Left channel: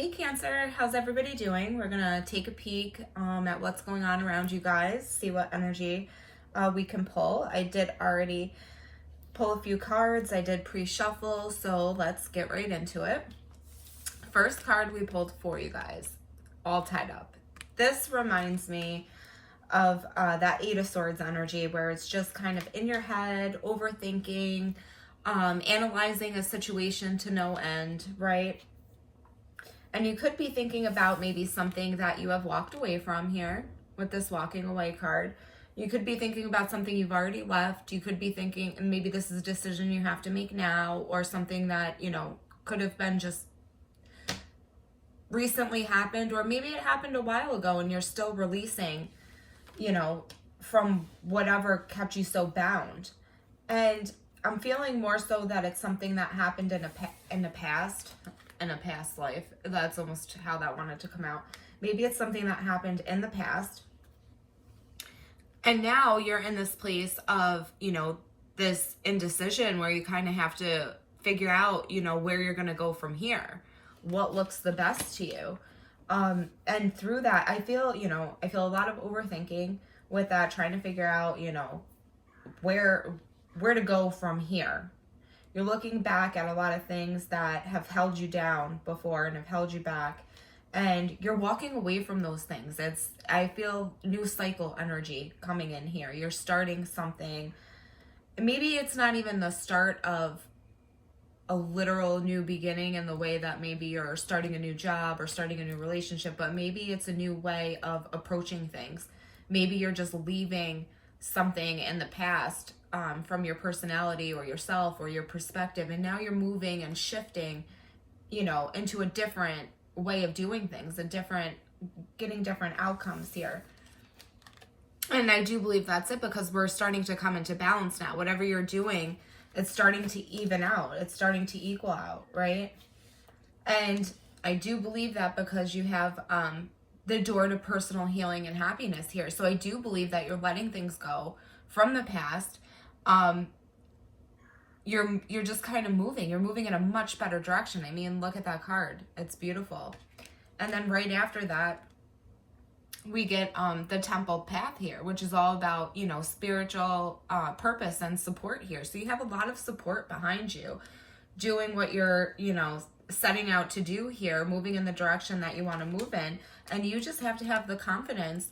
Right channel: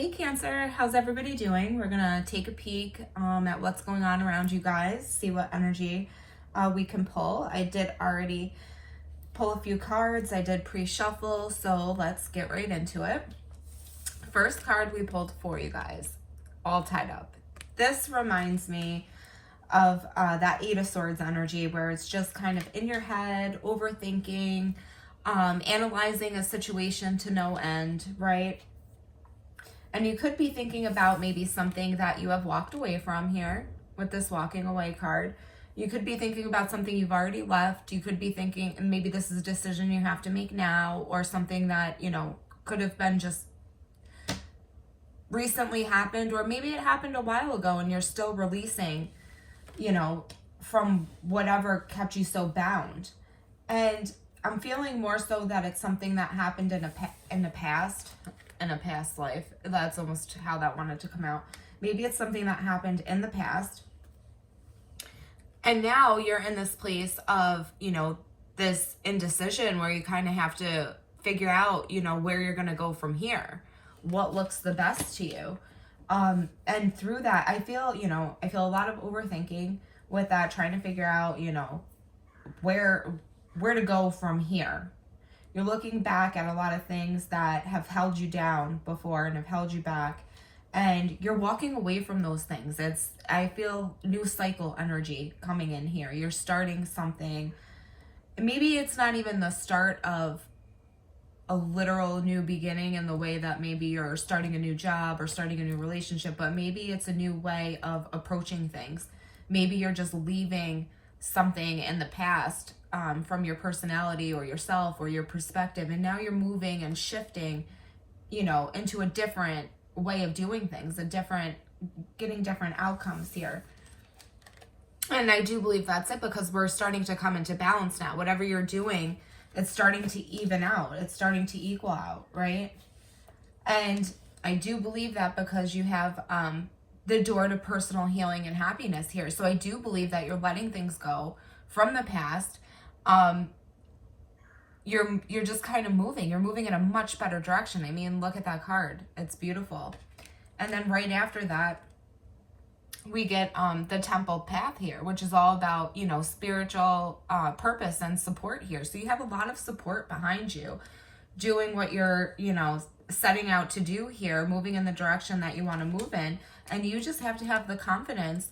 Hey Cancer, how's everybody doing? We're gonna take a peek at what's going on around you guys, see what energy we can pull. I did already pull a few cards, I did pre-shuffle, so let's get right into it. First card we pulled for you guys, all tied up. This reminds me of that Eight of Swords energy where it's just kind of in your head, overthinking, analyzing a situation to no end, right? And you could be thinking about maybe something that you have walked away from here with this walking away card. You could be thinking about something you've already left. You could be thinking, and maybe this is a decision you have to make now, or something that, you know, could have been just recently happened, or maybe it happened a while ago and you're still releasing, you know, from whatever kept you so bound. And I'm feeling more so that it's something that happened in a past life. That's almost how that wanted to come out. Maybe it's something that happened in the past. And now you're in this place of, you know, this indecision where you kind of have to figure out, you know, where you're going to go from here. What looks the best to you. And through that, I feel a lot of overthinking with that, trying to figure out, you know, where to go from here. You're looking back at a lot of things that have held you down before and have held you back, and you're walking away from those things. I feel new cycle energy coming in here. You're starting something. Maybe it's not even the start of a literal new beginning in the way that maybe you're starting a new job or starting a new relationship, but maybe it's a new way of approaching things. Maybe you're just leaving something in the past from your personality or yourself or your perspective, and now you're moving and shifting, you know, into a different way of doing things, getting different outcomes here. And I do believe that's it, because we're starting to come into balance now. Whatever you're doing, it's starting to even out. It's starting to equal out, right? And I do believe that because you have the door to personal healing and happiness here. So I do believe that you're letting things go from the past. You're just kind of moving. You're moving in a much better direction. I mean, look at that card. It's beautiful. And then right after that, we get the temple path here, which is all about, you know, spiritual purpose and support here. So you have a lot of support behind you doing what you're, you know, setting out to do here, moving in the direction that you want to move in. And you just have to have the confidence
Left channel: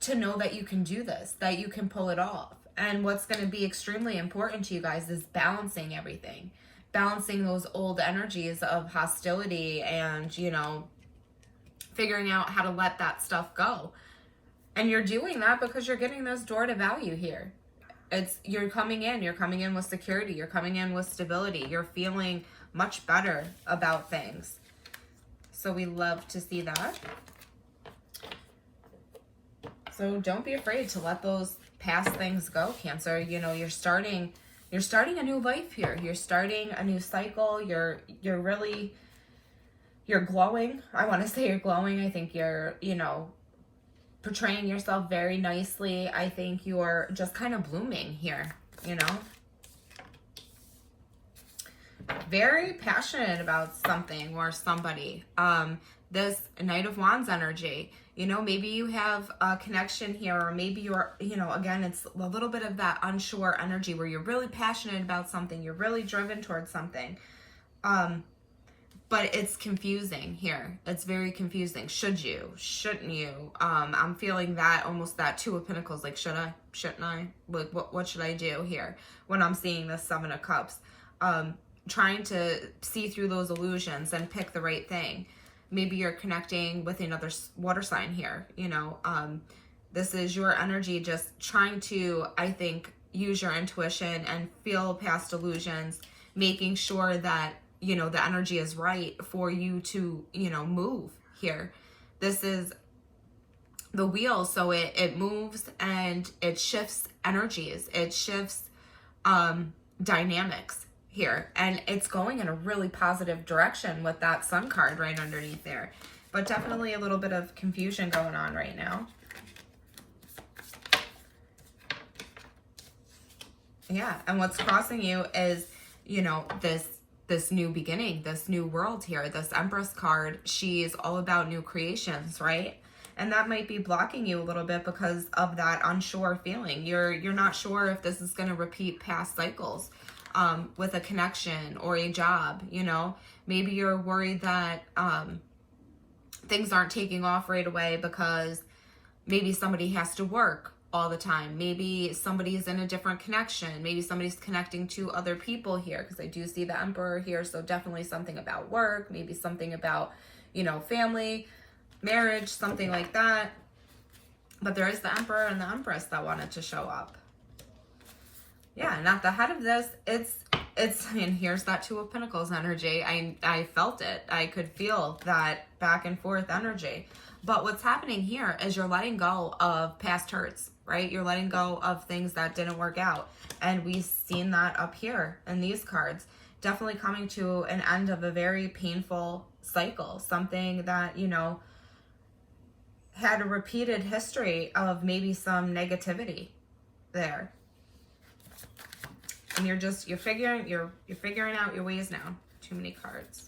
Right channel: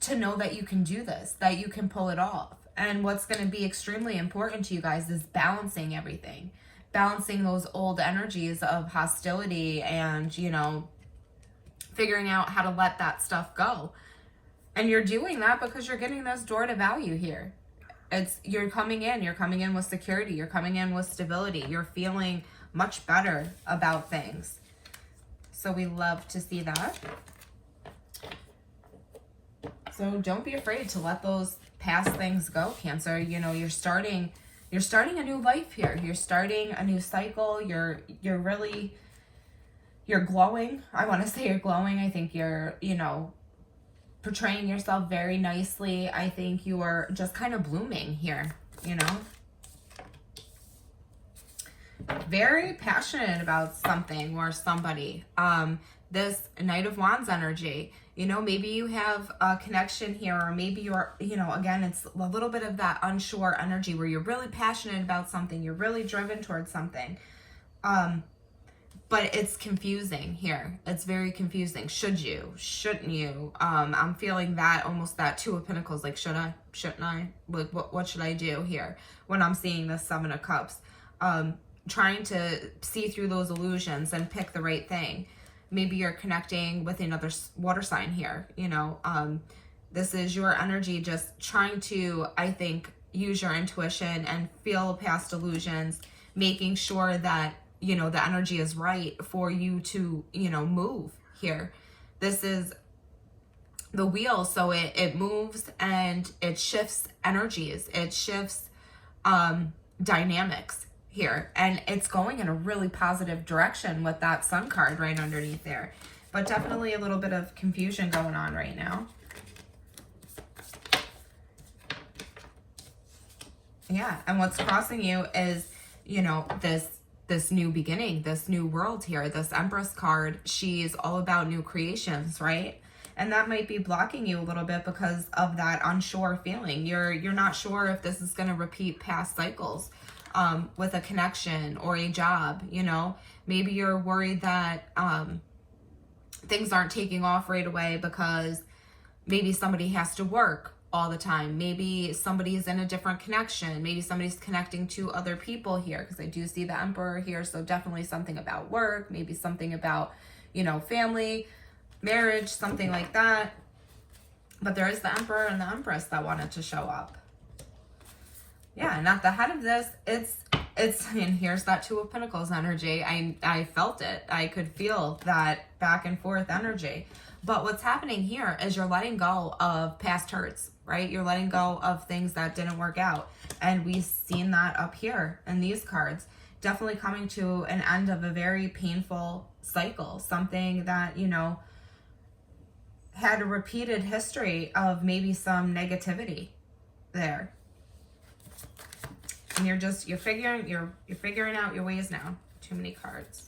to know that you can do this, that you can pull it off. And what's going to be extremely important to you guys is balancing everything, balancing those old energies of hostility and, you know, figuring out how to let that stuff go. And you're doing that because you're getting this door to value here. You're coming in with security, you're coming in with stability, you're feeling much better about things. So we love to see that. So don't be afraid to let those past things go, Cancer. You know, you're starting a new life here. You're starting a new cycle. You're glowing. I want to say you're glowing. I think you're, you know, portraying yourself very nicely. I think you're just kind of blooming here, you know. Very passionate about something or somebody. This Knight of Wands energy, you know, maybe you have a connection here, or maybe you're, you know, again, it's a little bit of that unsure energy where you're really passionate about something, you're really driven towards something, but it's confusing here. It's very confusing. Should you? Shouldn't you? I'm feeling that, almost that Two of Pentacles, like, should I? Shouldn't I? Like, what should I do here when I'm seeing the Seven of Cups? Trying to see through those illusions and pick the right thing. Maybe you're connecting with another water sign here, you know. This is your energy just trying to, I think, use your intuition and feel past illusions, making sure that, you know, the energy is right for you to, you know, move here. This is the wheel, so it moves and it shifts energies. It shifts dynamics here, and it's going in a really positive direction with that Sun card right underneath there, but definitely a little bit of confusion going on right now. Yeah, and what's crossing you is, you know, this this new beginning, this new world here. This Empress card, she's all about new creations, right? And that might be blocking you a little bit because of that unsure feeling. You're not sure if this is going to repeat past cycles with a connection or a job, you know. Maybe you're worried that things aren't taking off right away because maybe somebody has to work all the time. Maybe somebody's in a different connection. Maybe somebody's connecting to other people here, because I do see the Emperor here. So definitely something about work, maybe something about, you know, family, marriage, something like that. But there is the Emperor and the Empress that wanted to show up. Yeah, and at the head of this, it's and here's that Two of Pentacles energy. I felt it. I could feel that back and forth energy. But what's happening here is you're letting go of past hurts, right? You're letting go of things that didn't work out. And we've seen that up here in these cards. Definitely coming to an end of a very painful cycle. Something that, you know, had a repeated history of maybe some negativity there. And you're figuring out your ways now. Too many cards.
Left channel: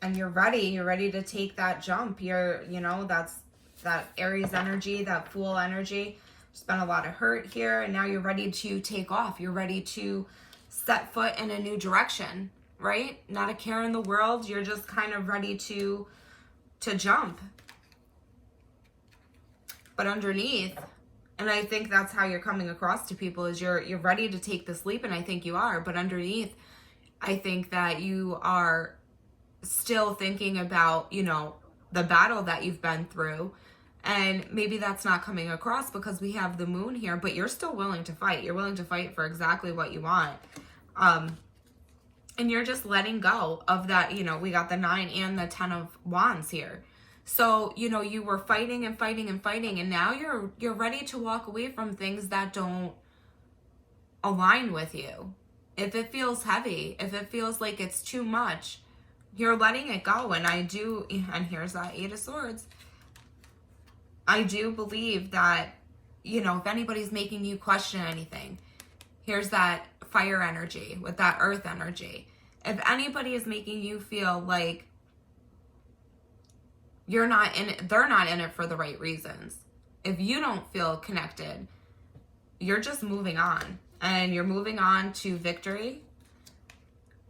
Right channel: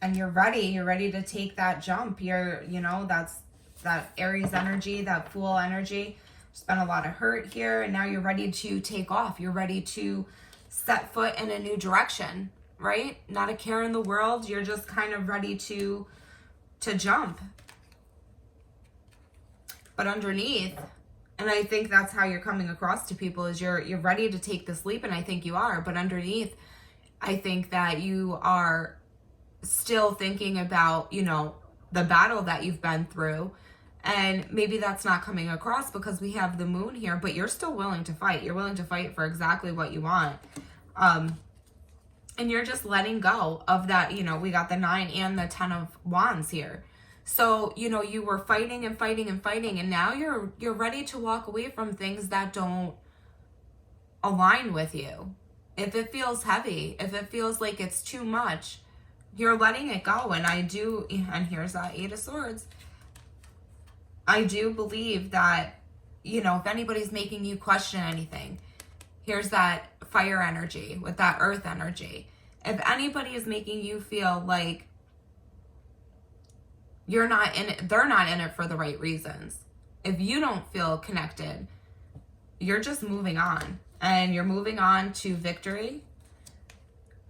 And you're ready to take that jump. You know, that's that Aries energy, that Fool energy. There's been a lot of hurt here, and now you're ready to take off. You're ready to set foot in a new direction, right? Not a care in the world. You're just kind of ready to jump. But underneath, and I think that's how you're coming across to people, is you're ready to take this leap, and I think you are. But underneath, I think that you are still thinking about, you know, the battle that you've been through, and maybe that's not coming across because we have the Moon here, but you're still willing to fight. You're willing to fight for exactly what you want, and you're just letting go of that. You know, we got the 9 and the 10 of Wands here, so you know you were fighting and fighting and fighting, and now you're ready to walk away from things that don't align with you. If it feels heavy, if it feels like it's too much, you're letting it go. And and here's that 8 of Swords. I do believe that, you know, if anybody's making you question anything, here's that fire energy with that earth energy. If anybody is making you feel like you're not in it, they're not in it for the right reasons. If you don't feel connected, you're just moving on. And you're moving on to victory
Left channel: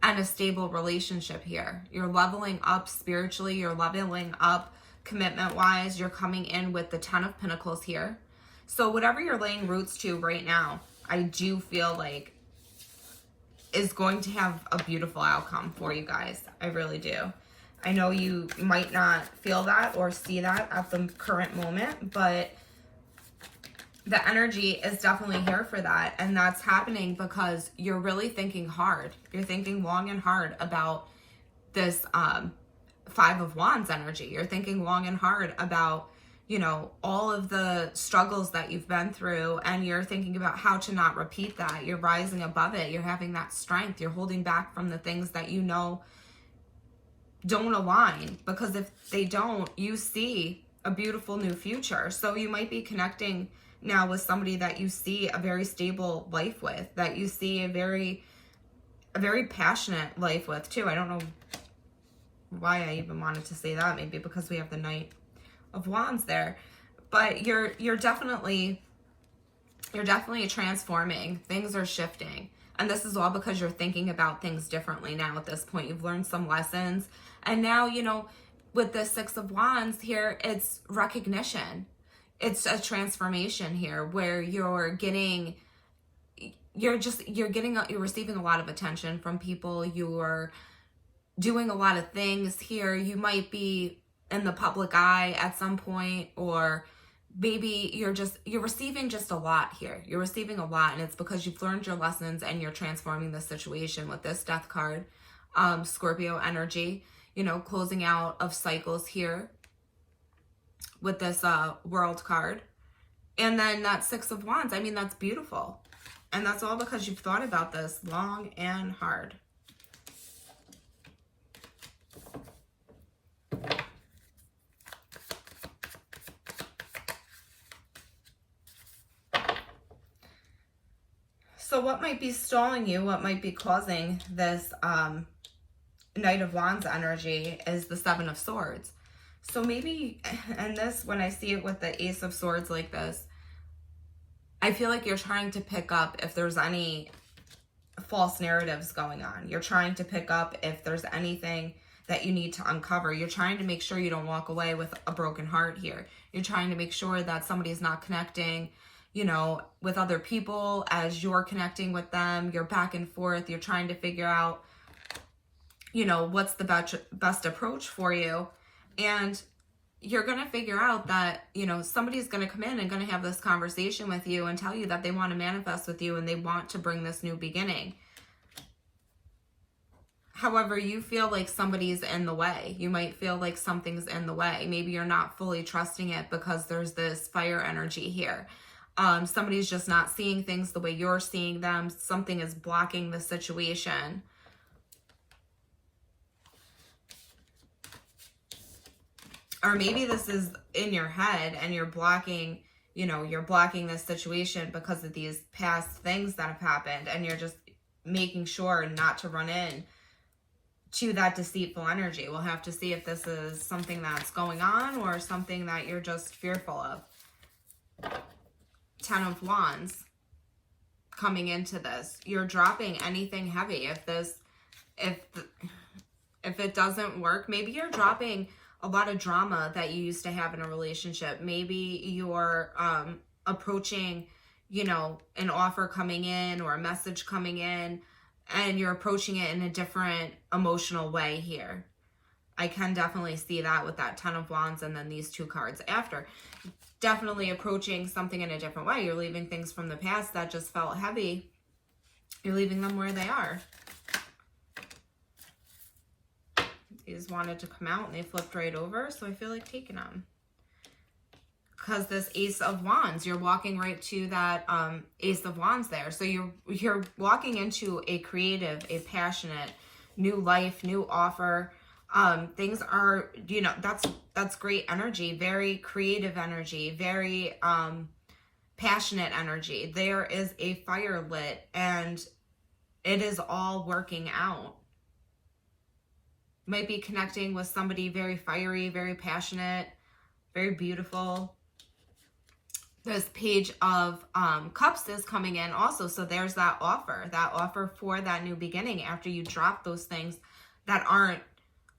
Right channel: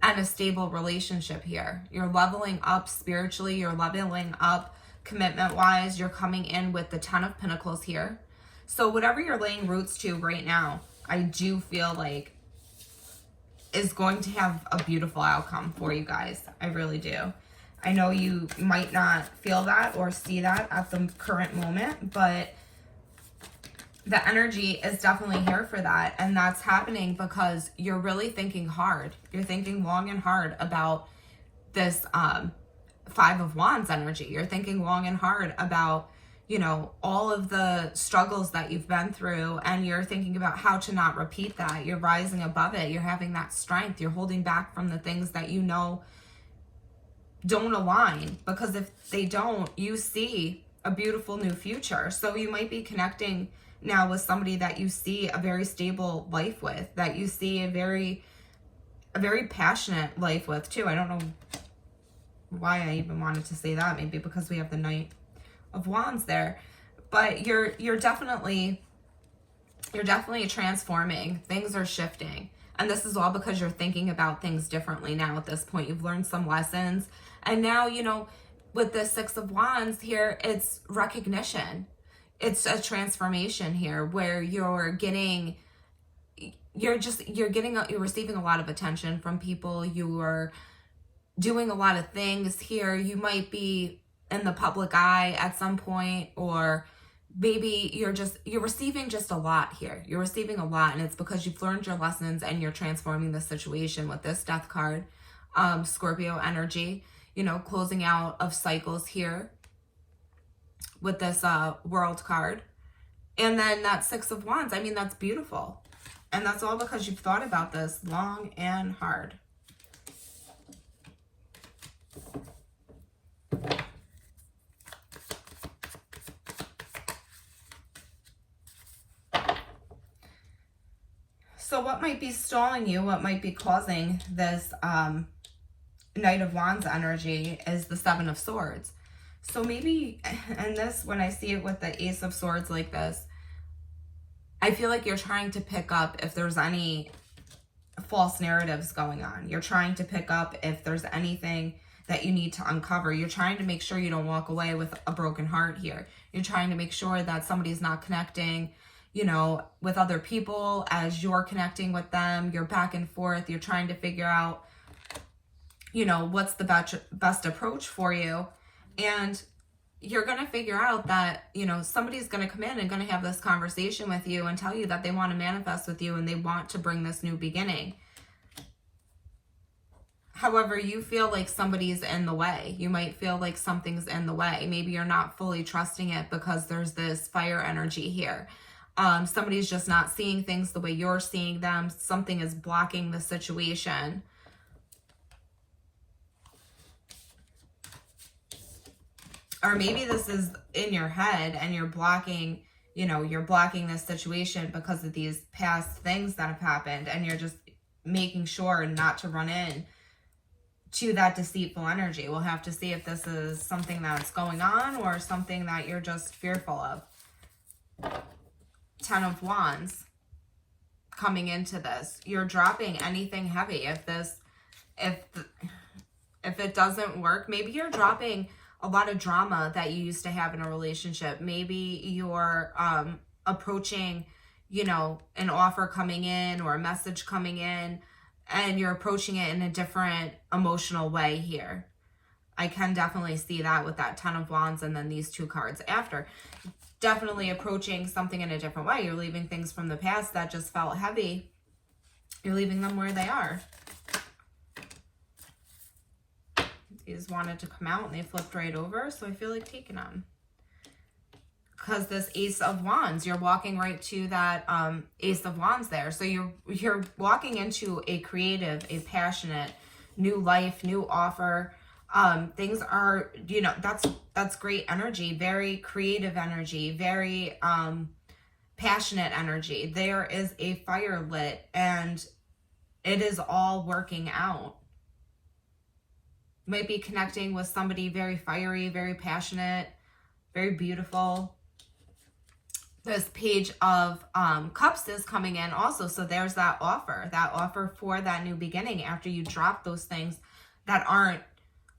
and a stable relationship here. You're leveling up spiritually. You're leveling up commitment-wise. You're coming in with the 10 of Pentacles here. So whatever you're laying roots to right now, I do feel like is going to have a beautiful outcome for you guys. I really do. I know you might not feel that or see that at the current moment, but the energy is definitely here for that. And that's happening because you're really thinking hard. You're thinking long and hard about this 5 of Wands energy. You're thinking long and hard about, you know, all of the struggles that you've been through, and you're thinking about how to not repeat that. You're rising above it. You're having that strength. You're holding back from the things that you know don't align, because if they don't, you see a beautiful new future. So you might be connecting now with somebody that you see a very stable life with, that you see a very passionate life with too. I don't know why I even wanted to say that, maybe because we have the Knight of Wands there, but you're definitely transforming. Things are shifting, and this is all because you're thinking about things differently now. At this point, you've learned some lessons, and now, you know, with the 6 of Wands here, it's recognition. It's a transformation here where you're receiving a lot of attention from people. You're doing a lot of things here. You might be in the public eye at some point, or maybe you're receiving just a lot here. You're receiving a lot, and it's because you've learned your lessons and you're transforming the situation with this Death card, Scorpio energy, you know, closing out of cycles here with this World card. And then that 6 of Wands, I mean, that's beautiful. And that's all because you've thought about this long and hard. So So what might be stalling you, what might be causing this Knight of Wands energy is the Seven of Swords. So maybe, and this, when I see it with the Ace of Swords like this, I feel like you're trying to pick up if there's any false narratives going on. You're trying to pick up if there's anything that you need to uncover. You're trying to make sure you don't walk away with a broken heart here. You're trying to make sure that somebody's not connecting, you know, with other people as you're connecting with them. You're back and forth. You're trying to figure out, you know, what's the best approach for you. And you're going to figure out that, you know, somebody's going to come in and going to have this conversation with you and tell you that they want to manifest with you and they want to bring this new beginning. However, you feel like somebody's in the way. You might feel like something's in the way. Maybe you're not fully trusting it because there's this fire energy here. Somebody's just not seeing things the way you're seeing them. Something is blocking the situation. Or maybe this is in your head and you're blocking, you know, you're blocking this situation because of these past things that have happened, and you're just making sure not to run in to that deceitful energy. We'll have to see if this is something that's going on or something that you're just fearful of. Ten of Wands coming into this. You're dropping anything heavy. If it doesn't work, maybe you're dropping a lot of drama that you used to have in a relationship. Maybe you're approaching, you know, an offer coming in or a message coming in, and you're approaching it in a different emotional way here. I can definitely see that with that Ten of Wands and then these two cards after. Definitely approaching something in a different way. You're leaving things from the past that just felt heavy. You're leaving them where they are. These wanted to come out and they flipped right over, so I feel like taking them. Because this Ace of Wands, you're walking right to that Ace of Wands there. So you're walking into a creative, a passionate, new life, new offer. Things are, you know, that's great energy, very creative energy, very passionate energy. There is a fire lit and it is all working out. Might be connecting with somebody very fiery, very passionate, very beautiful. This Page of Cups is coming in also. So there's that offer for that new beginning after you drop those things that aren't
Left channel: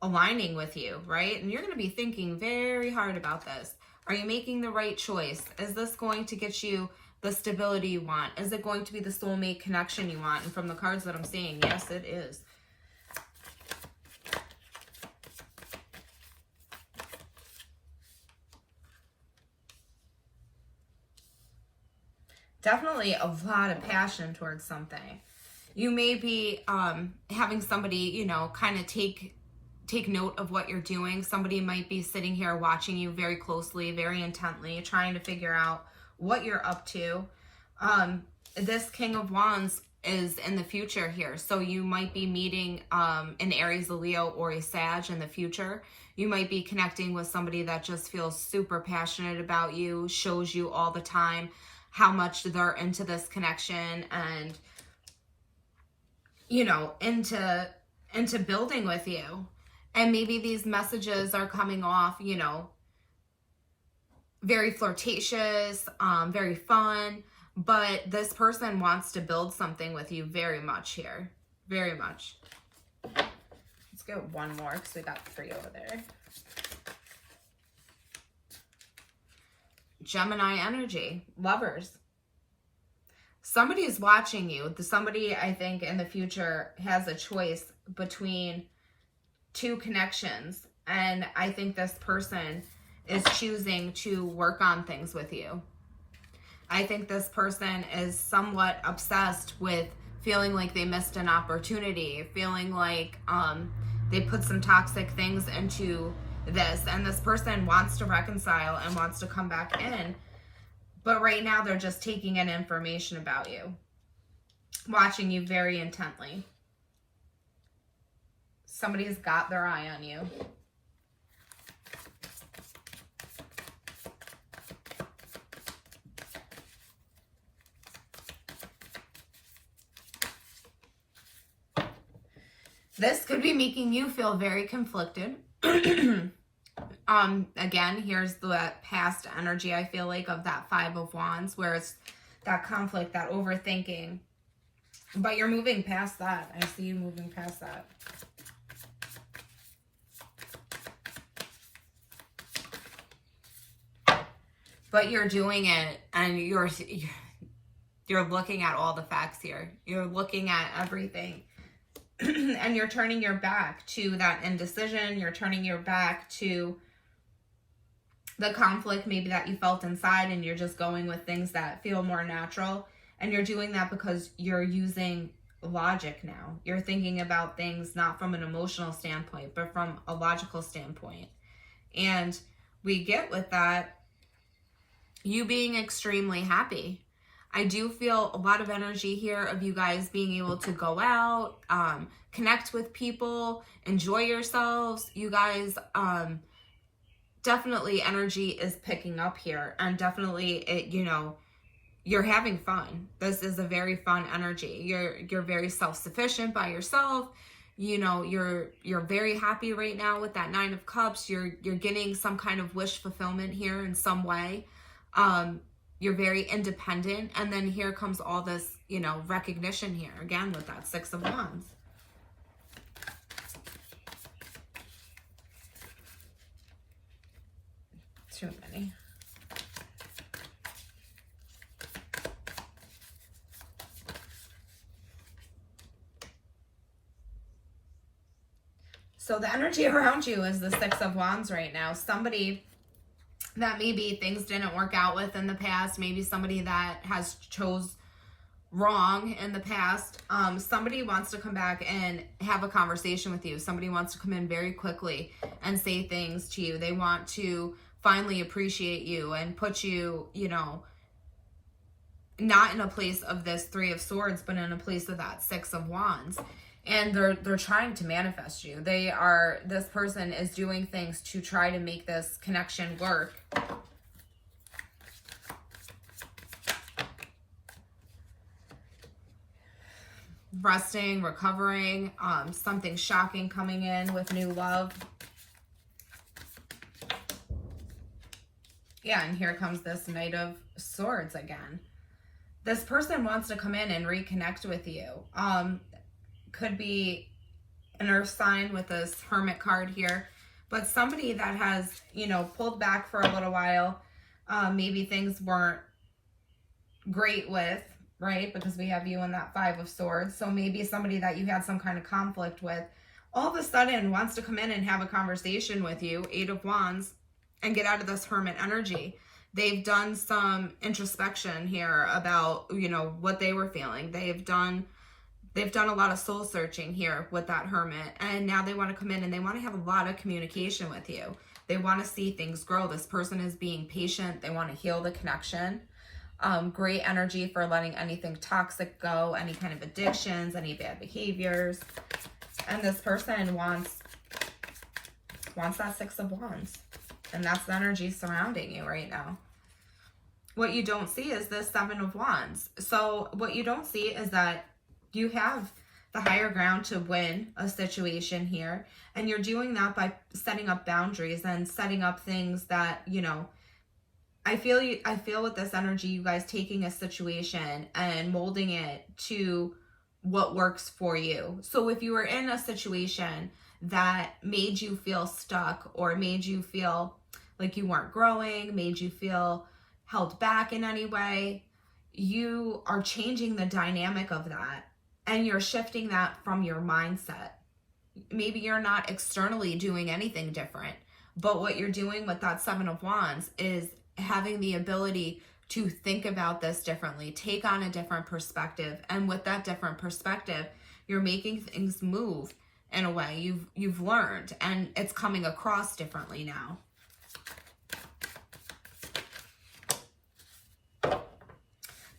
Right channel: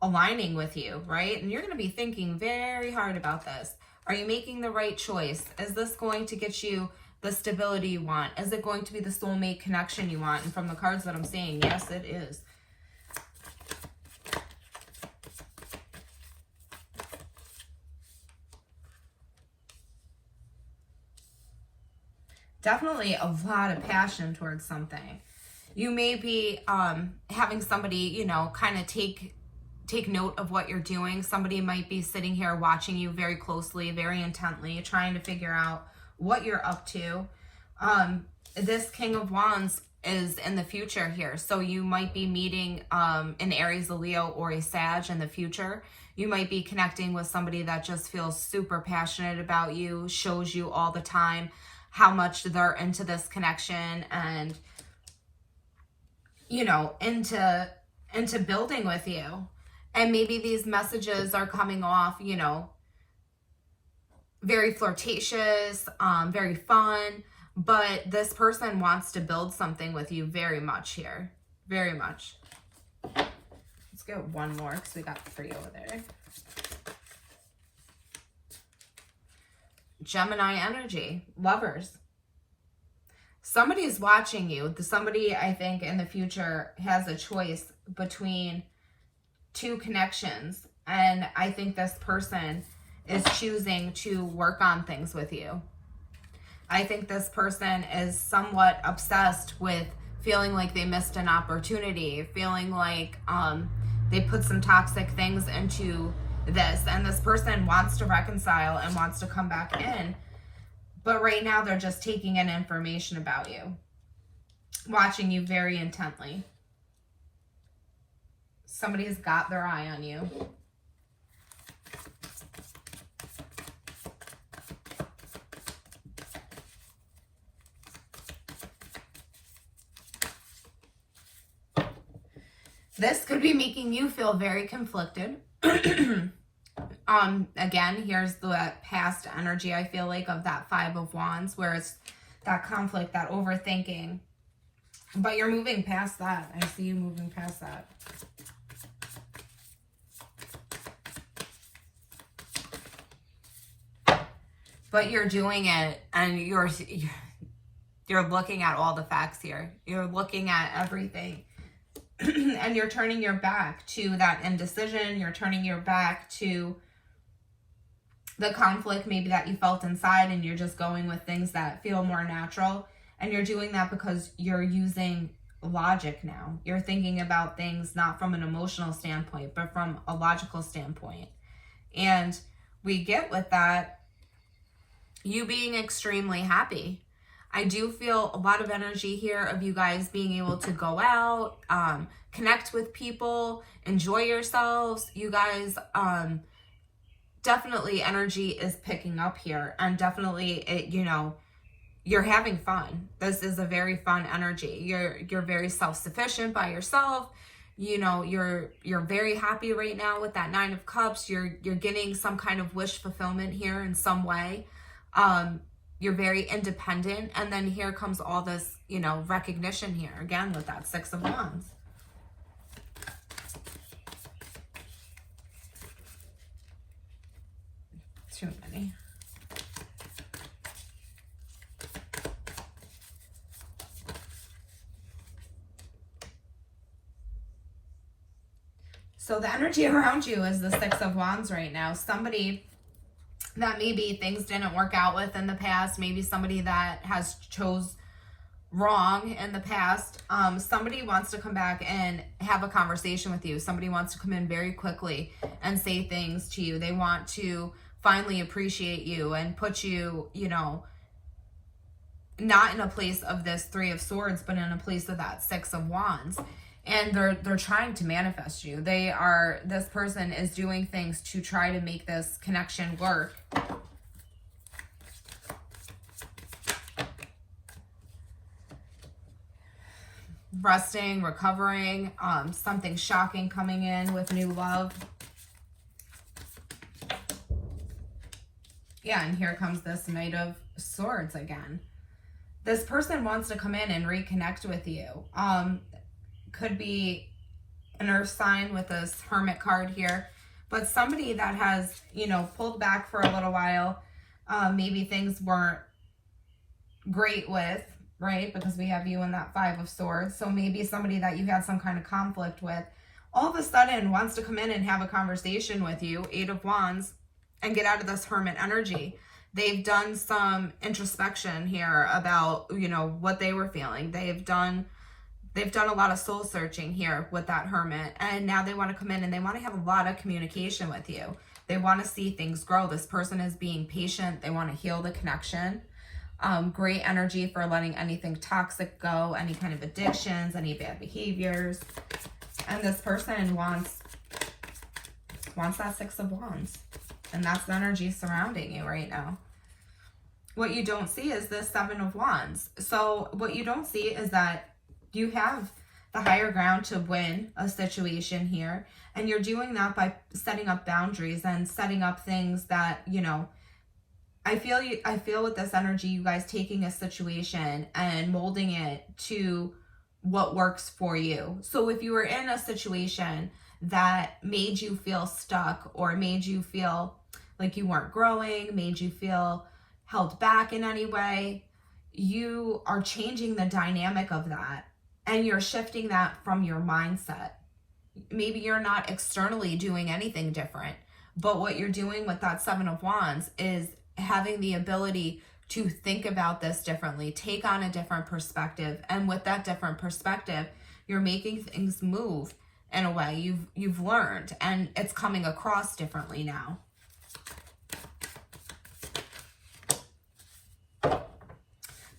aligning with you, right? And you're going to be thinking very hard about this. Are you making the right choice? Is this going to get you the stability you want? Is it going to be the soulmate connection you want? And from the cards that I'm seeing, yes, it is. Definitely a lot of passion towards something. You may be having somebody, you know, kind of take note of what you're doing. Somebody might be sitting here watching you very closely, very intently, trying to figure out what you're up to. This King of Wands is in the future here. So you might be meeting an Aries, a Leo, or a Sag in the future. You might be connecting with somebody that just feels super passionate about you, shows you all the time how much they're into this connection and, you know, into building with you. And maybe these messages are coming off, you know, very flirtatious, very fun, but this person wants to build something with you very much here. Very much. Let's get one more because we got 3 over there. Gemini energy, lovers. Somebody is watching you. Somebody, I think, in the future has a choice between 2 connections. And I think this person is choosing to work on things with you. I think this person is somewhat obsessed with feeling like they missed an opportunity, feeling like they put some toxic things into this, and this person wants to reconcile and wants to come back in, but right now they're just taking in information about you, watching you very intently. Somebody's got their eye on you. This could be making you feel very conflicted. Again, here's the past energy, I feel like, of that Five of Wands, where it's that conflict, that overthinking. But you're moving past that. I see you moving past that. But you're doing it, and you're looking at all the facts here. You're looking at everything. And you're turning your back to that indecision. You're turning your back to the conflict maybe that you felt inside, and you're just going with things that feel more natural. And you're doing that because you're using logic now. You're thinking about things not from an emotional standpoint, but from a logical standpoint. And we get with that you being extremely happy. I do feel a lot of energy here of you guys being able to go out, connect with people, enjoy yourselves. You guys, definitely energy is picking up here, and definitely you're having fun. This is a very fun energy. You're very self-sufficient by yourself. You're very happy right now with that Nine of Cups. You're getting some kind of wish fulfillment here in some way. You're very independent, and then here comes all this, recognition here again with that Six of Wands. Too many. So the energy around you is the Six of Wands right now. Somebody that maybe things didn't work out with in the past, maybe somebody that has chose wrong in the past. Somebody wants to come back and have a conversation with you. Somebody wants to come in very quickly and say things to you. They want to finally appreciate you and put you, not in a place of this Three of Swords, but in a place of that Six of Wands. And they're trying to manifest you. This person is doing things to try to make this connection work. Resting, recovering, something shocking coming in with new love. Yeah, and here comes this Knight of Swords again. This person wants to come in and reconnect with you. Could be an earth sign with this Hermit card here, but somebody that has, pulled back for a little while. Maybe things weren't great with, right? Because we have you in that Five of Swords. So maybe somebody that you had some kind of conflict with all of a sudden wants to come in and have a conversation with you, Eight of Wands, and get out of this Hermit energy. They've done some introspection here about, what they were feeling. They've done a lot of soul searching here with that Hermit, and now they want to come in and they want to have a lot of communication with you. They want to see things grow. This person is being patient. They want to heal the connection. Great energy for letting anything toxic go, any kind of addictions, any bad behaviors. And this person wants that Six of Wands. And that's the energy surrounding you right now. What you don't see is this Seven of Wands. So what you don't see is that you have the higher ground to win a situation here. And you're doing that by setting up boundaries and setting up things that, I feel with this energy, you guys taking a situation and molding it to what works for you. So if you were in a situation that made you feel stuck or made you feel like you weren't growing, made you feel held back in any way, you are changing the dynamic of that. And you're shifting that from your mindset. Maybe you're not externally doing anything different, but what you're doing with that Seven of Wands is having the ability to think about this differently, take on a different perspective. And with that different perspective, you're making things move in a way you've learned, and it's coming across differently now.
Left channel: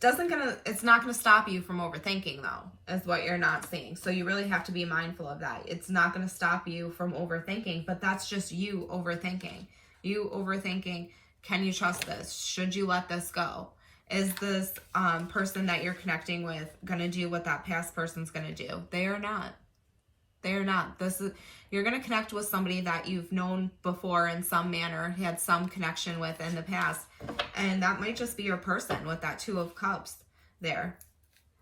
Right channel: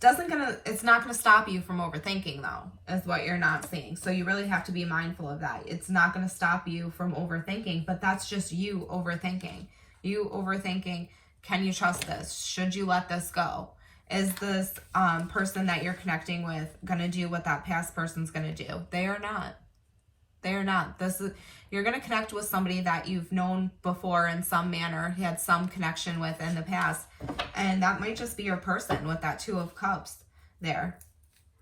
It's not gonna stop you from overthinking, though, is what you're not seeing. So you really have to be mindful of that. It's not gonna stop you from overthinking, but that's just you overthinking. You overthinking, can you trust this? Should you let this go? Is this person that you're connecting with gonna do what that past person's gonna do? They are not. They are not. You're going to connect with somebody that you've known before in some manner, had some connection with in the past. And that might just be your person with that Two of Cups there.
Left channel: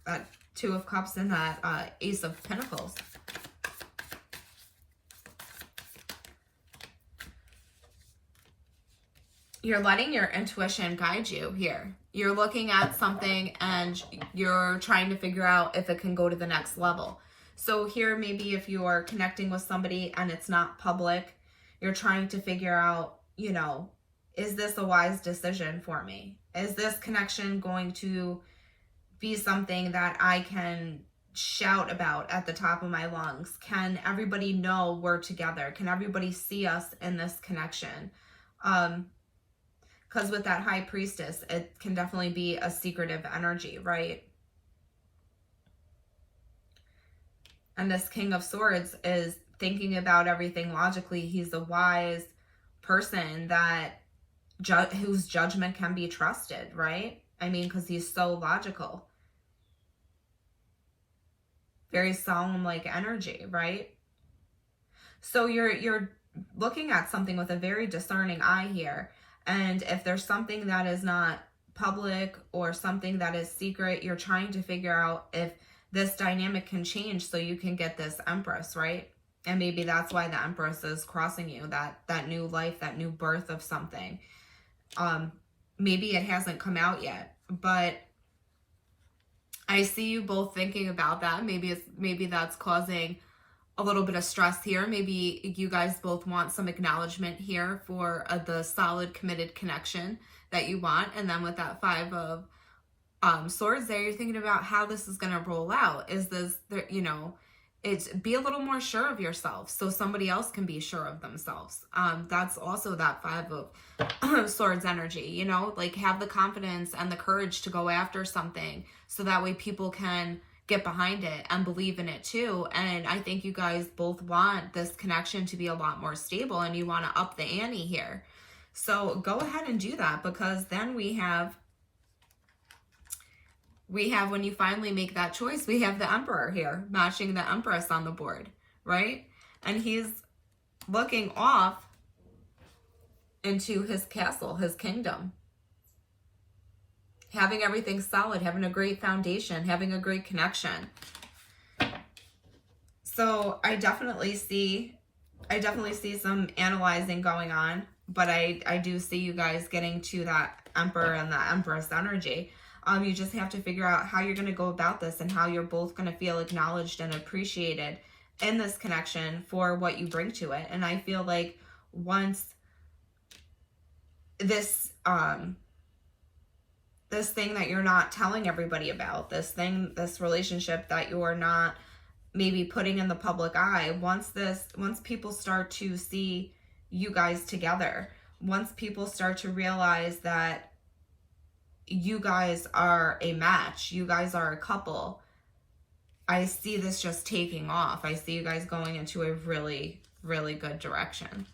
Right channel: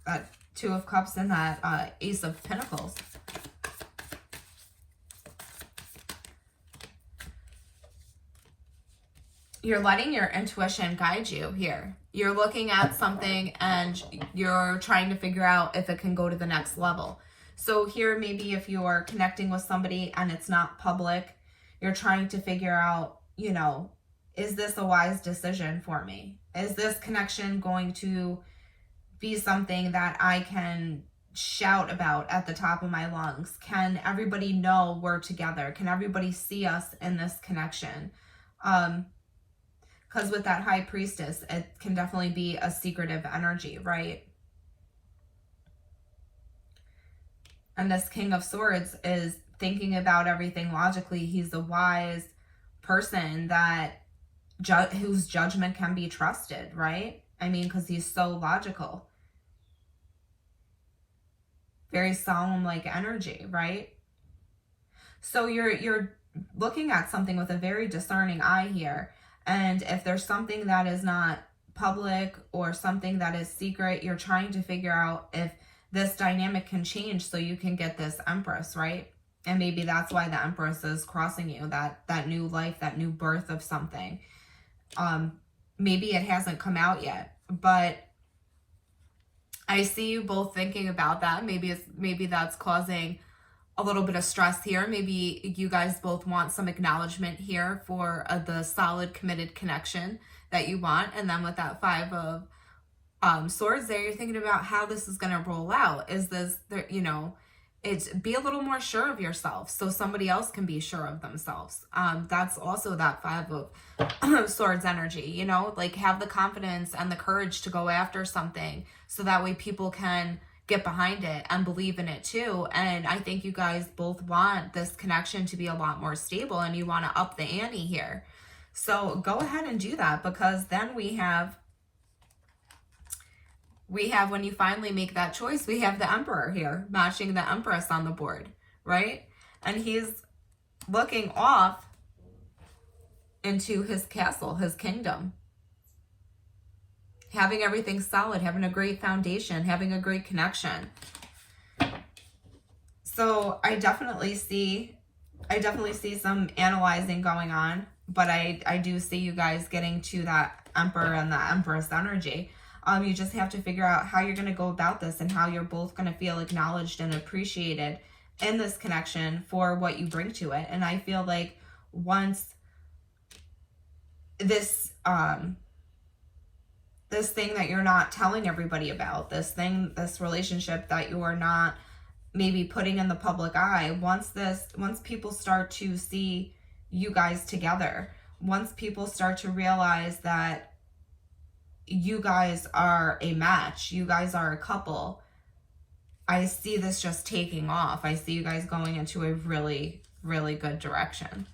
That Two of Cups and that Ace of Pentacles. You're letting your intuition guide you here. You're looking at something and you're trying to figure out if it can go to the next level. So here, maybe if you are connecting with somebody and it's not public, you're trying to figure out, you know, is this a wise decision for me? Is this connection going to be something that I can shout about at the top of my lungs? Can everybody know we're together? Can everybody see us in this connection? Because with that High Priestess, it can definitely be a secretive energy, right? And this King of Swords is thinking about everything logically. He's a wise person that whose judgment can be trusted, right? I mean, because he's so logical. Very solemn-like energy, right? So you're looking at something with a very discerning eye here. And if there's something that is not public or something that is secret, you're trying to figure out if this dynamic can change so you can get this Empress, right? And maybe that's why the Empress is crossing you, that new life, that new birth of something. Maybe it hasn't come out yet, but I see you both thinking about that. Maybe that's causing a little bit of stress here. Maybe you guys both want some acknowledgement here for the solid, committed connection that you want. And then with that Five of Swords there, you're thinking about how this is going to roll out. Is this, you know, be a little more sure of yourself so somebody else can be sure of themselves. That's also that Five of Swords energy, you know, like have the confidence and the courage to go after something so that way people can get behind it and believe in it too. And I think you guys both want this connection to be a lot more stable and you want to up the ante here. So go ahead and do that, because then we have when you finally make that choice, we have the Emperor here matching the Empress on the board, right? And he's looking off into his castle, his kingdom. Having everything solid, having a great foundation, having a great connection. So I definitely see some analyzing going on, but I do see you guys getting to that Emperor and the Empress energy. You just have to figure out how you're going to go about this and how you're both going to feel acknowledged and appreciated in this connection for what you bring to it. And I feel like once this this thing that you're not telling everybody about, this relationship that you're not maybe putting in the public eye, once people start to see you guys together, once people start to realize that you guys are a match, you guys are a couple, I see this just taking off. I see you guys going into a really, really good direction.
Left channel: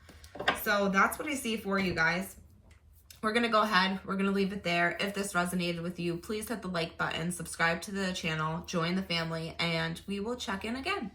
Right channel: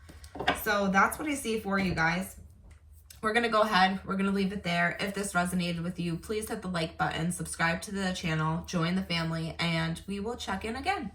So that's what I see for you guys. We're going to go ahead. We're going to leave it there. If this resonated with you, please hit the like button, subscribe to the channel, join the family, and we will check in again.